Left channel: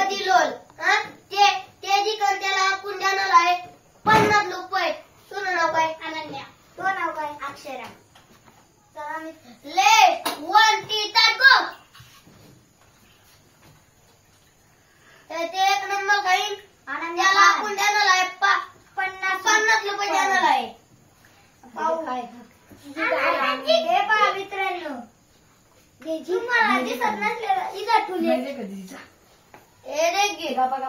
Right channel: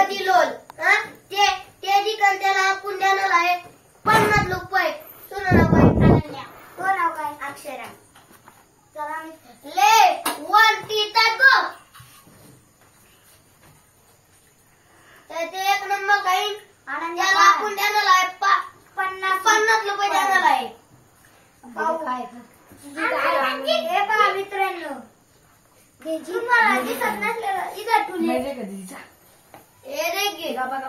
Ganpati lol ते जिकन त्याला पुंड्यानं आहे 50 रुपये. तुझं नाव काय? अनन्या. तो नाव काय? अक्षरा. चला ले 1 2 3 गो. तर ते 1 नंबर काही अनन्याला पुंड्यानं आहे 50 रुपये द्यायला आहे. काय हे पहा मित्रांनो, तुम्हाला दिसत नसलेला इकडे ठेवले हे रे घे 50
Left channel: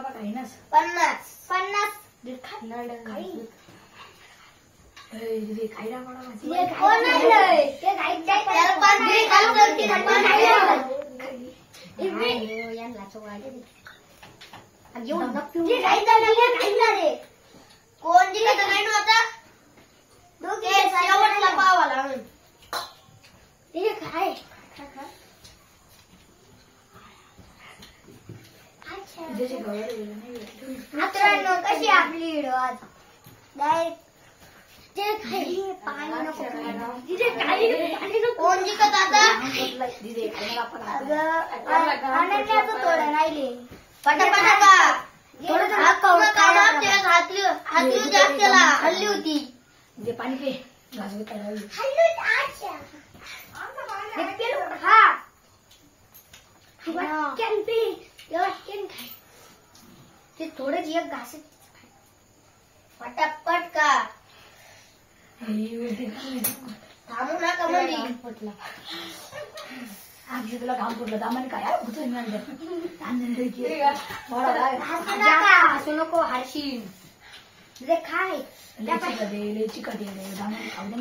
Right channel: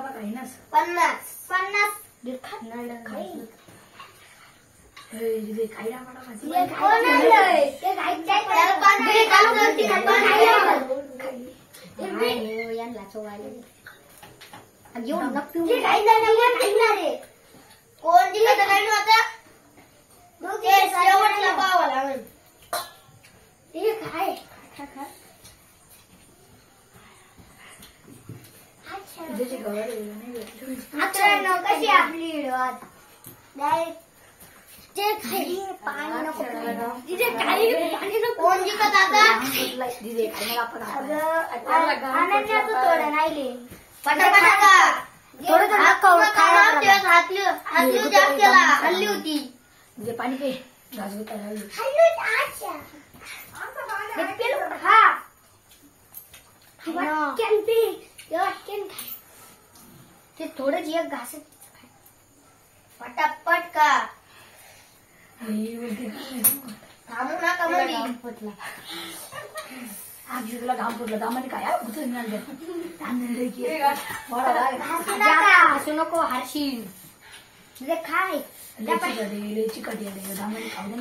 कोण दिलं तर नाही नव्हता शेवटला पावाला काय मित्रांनो कशी आपली व्हिडिओ आज कोण जिंकत आता अनन्याचं थोडं राहिले पटापटा हातली जास्त त्याला हल्ली होती जे पाणी पे ते थोडंच एक घास पटापट का थांबू नका मध्ये आजी तुला घाम फुटलं घामाने काय घुसून असं नको हाशी म्हणजे काय चिकट घामाने काय ना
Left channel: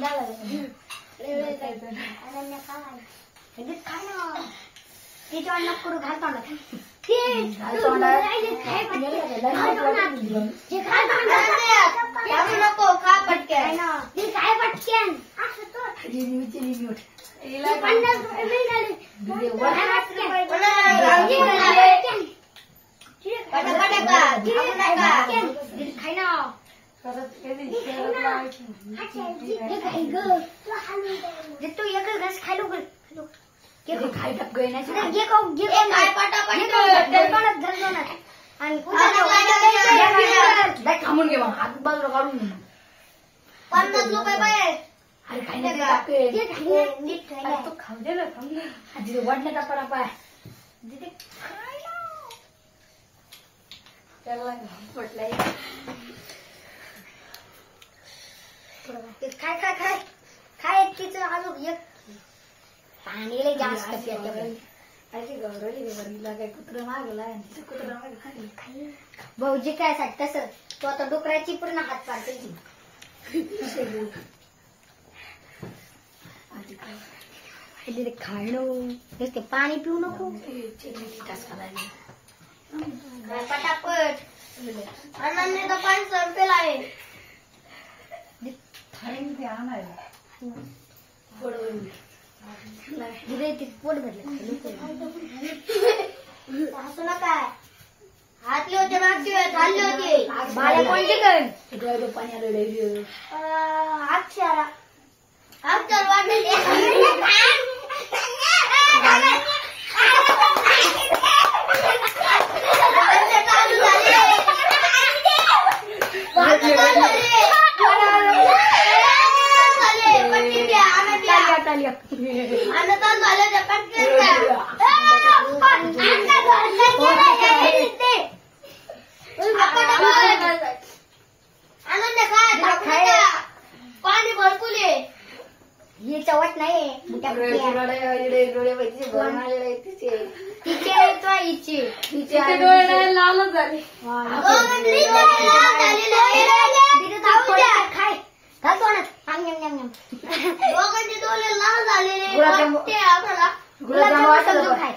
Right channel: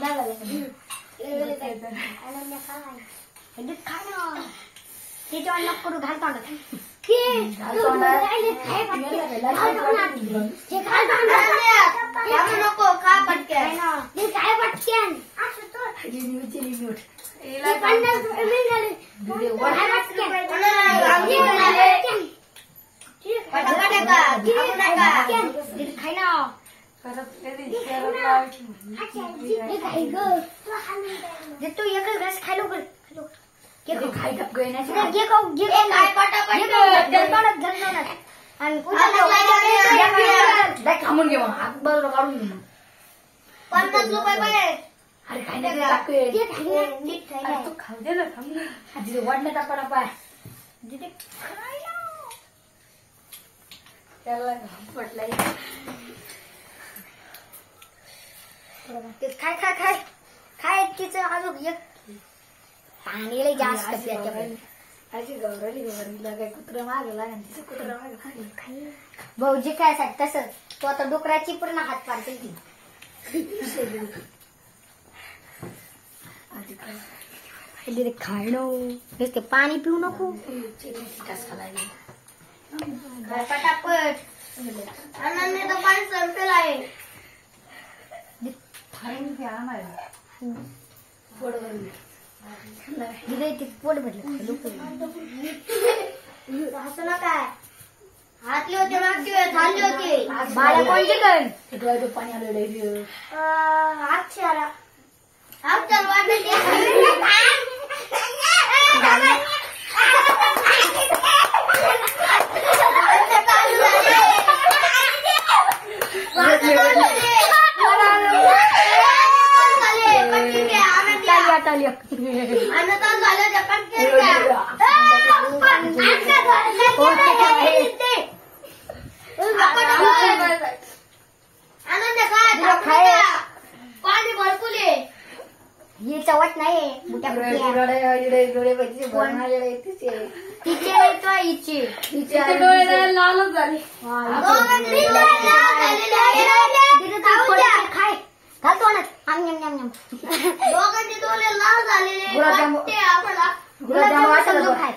त्याच्या अन्न पुढे घालता नको का पटक्यान काय पटक्यान तू एक घास खायला खाई टप गए ना थांबून घे मग हात बाजूला काढून 50 रुपये पाहिजे. अरे काही नाही खाऊ दे ना आजी वाढण्यात आपण पाय त्याला पटलाय खाय खाय खाय खाय तिचं अजून एक पाणी जास्त अशी गौरवली काय कुत्र मागला तिचं कुत्र माग खाली भाऊजी काय साठी तसं तो आता डुकराची पूर्ण हात पाडते ती खाणं पाणी पिऊ नको पटापट अनन्या तर 500 रुपये आहे पोट भरलं असं ना काय हातले होते मागचे वेळेस खाल्ले होते बाळ्या कोणते पाणी आलं आजची आला चल वाटलं पाणी भरपूर ही चवट नाही तिचे तो हिचे डोळे लालच झाले खाय घालतो ना दोघांचे डोळे लाल झालेले गुलाबजाम वाटलं खाय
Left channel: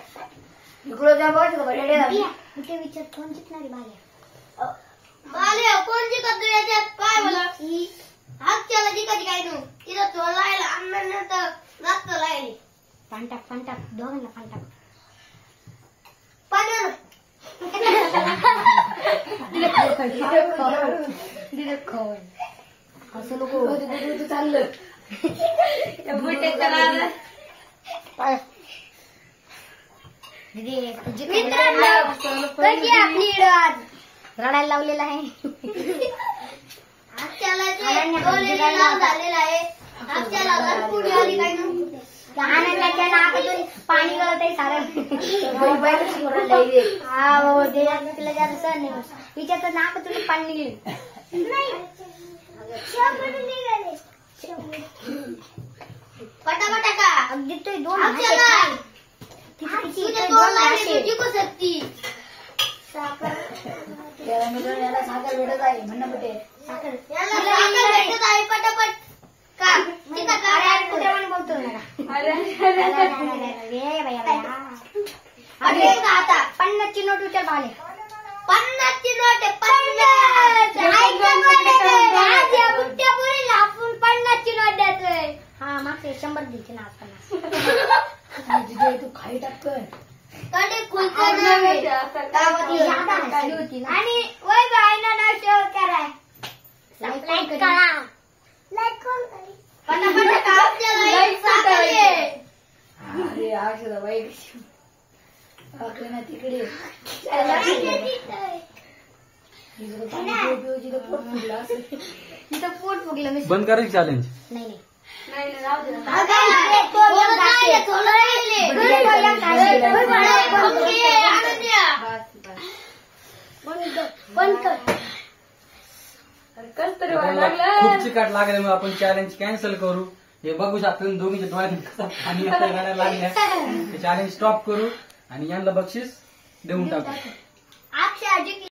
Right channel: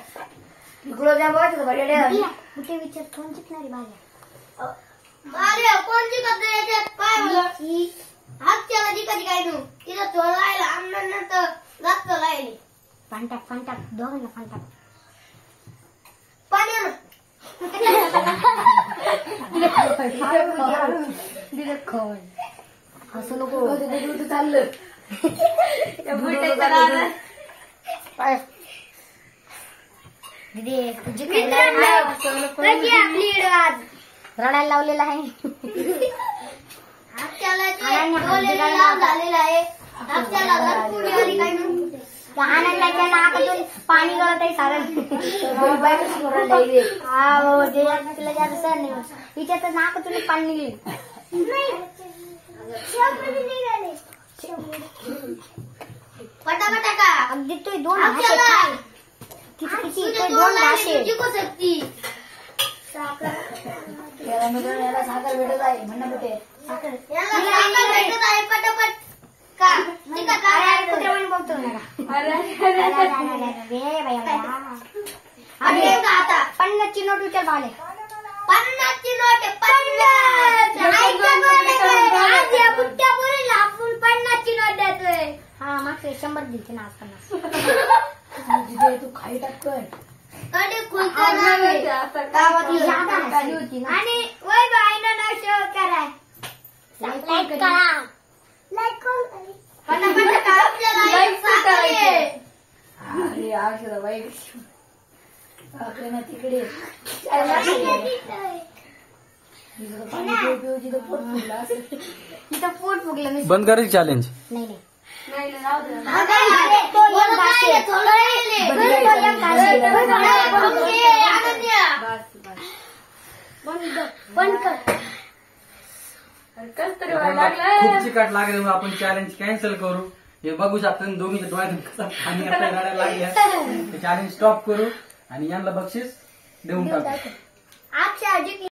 गुलाबजाम वाटलं बरं कुठे विचार कोण जिंकणारी बाल्या कोण जिंकत याच्यात काय बोला हातच्याला जिंकत काय तू तिथं थोडं लायला अन्नानंतर जास्त लायले पांटाक दोघांना पांटाक पाण्यानं असं नको चाललं कशी आपली आज रडायला लावलेला आहे. अक्षाला झालेला आहे. अक्षाला भरपूर आली काय नव्हतं. आनंदाच्या नाकातून पाणी गळत आहे सारं. हा भाऊ ते तुला जास्त सहन नाही होत. तिच्या तर नाकातून पाणी निघेल. पटापटा का अगदी तो दोन अक्षाला किती दोन जिंकू शकती. याला साखर भेटत आहे म्हणणं कुठे याला साखर भेटत आहे पटापट का कुठे बोलतो आता 50ची नोट उचल पाहिले. 50ची नोट आहे. 50 आपण 50ची नोट देतोय. हा मागचे 100 दिलते ना आज 50. तू खाई टाकतोय कडे खुलकर आणि वय बायना नाव शेअर करा. लाईक करा. पटापट आपल्याला एक साखर आहे. अरे आठवलं वाईट तिकडे पोट फुगलं असं. तिथं पोट फुगलं नसेल. बंद करायचं चॅलेंज. नाही नाही बंद कर. खूप चिकट लागल्यामुळे आपण चॅलेंज कॅन्सल करू. हे बघू शकतो दोघींच्या डोळ्यातून कसा पाणी आता गाड्या लागल्या. चॅलेंज स्टॉप करू आणि यांना बक्षीस देऊन टाकू. अक्षय